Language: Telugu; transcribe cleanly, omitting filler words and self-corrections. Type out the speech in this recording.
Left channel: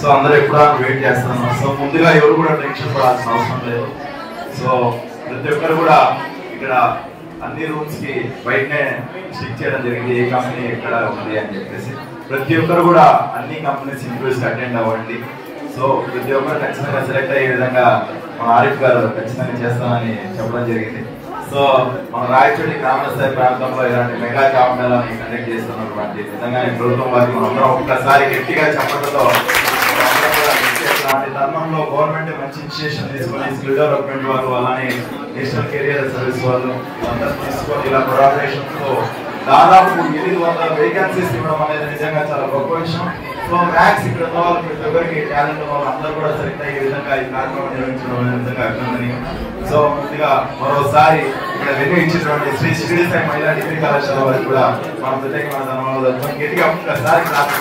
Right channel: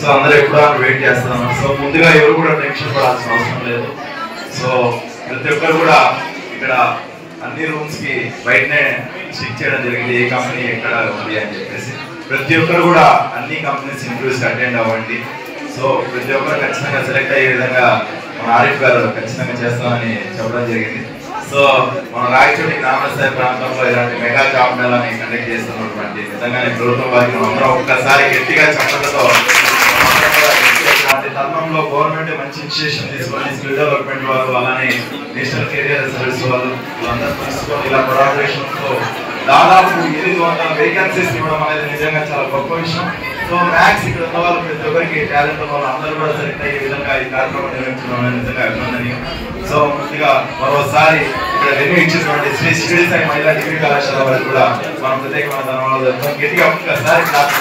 సో అందరూ ఎప్పుడో వెయిట్ చేస్తాను. సో ముందుగా ఎవరు కూడా టెన్షన్ పడాల్సిన అవసరం లేదు. సో ప్రతి ఒక్కరు కూడా ఇక్కడ అన్ని రూమ్స్ కి బయటనే స్టిక్ చేయడం జరిగింది, ఏ కంపెనీ ఎక్కడ ఉంది అని చెప్పేసి. ప్రతి ఒక్కరు కూడా అన్ని కంపెనీస్ ఇంటర్వ్యూస్ అటెండ్ అవ్వండి. సో ప్రతి ఒక్కరు ఖచ్చితంగా సెలెక్ట్ అయ్యే విధంగా మన ఆరిఫ్ గారు ఖచ్చితంగా చేస్తామని చెప్పడం జరిగింది. సో మన రాయచోటి గ్రామ స్థాయి ప్రాంతంలో ఇలాంటి మెగా జాబ్ మేళాని కండక్ట్ చేస్తున్నటువంటి విధంగా ప్రభుత్వం వారికి మనం అందరం ఒక్కసారి గట్టిగా చెప్పడంతో ఇలాంటి తరుణంలో గవర్నమెంట్ మంచి ఇనిషియేషన్ తీసుకొని స్కిల్ డెవలప్మెంట్ వాళ్ళు అలానే నేషనల్ కెరియర్ సర్వీస్ వాళ్ళు వీళ్ళందరూ తీసుకొని ఇలా కొలాబరేషన్ తో దాదాపు 800 వేకెన్సీస్ ఇవ్వడం అనేది నిజంగా చాలా గొప్ప విషయం. సో మ్యాథ్స్ ఇక్కడ ఉన్న వాళ్ళు ప్రతి ఒక్కరికి టాలెంట్ వాళ్ళు అందరూ కూడా సెలెక్ట్ అయ్యే విధంగా ఈ కార్యక్రమం నిర్వహించడం నిజంగా అభినందనీయం. సో ముందుగా మరోసారి ఇక్కడ వెన్యూ ఇచ్చినటువంటి శ్రీ షిరిడి సాయి మహిళా డిగ్రీ కళాశాల వారికి కూడా మనం ప్రత్యేకమైన ధన్యవాదాలు. గట్టిగా ఒక్కసారి క్లాస్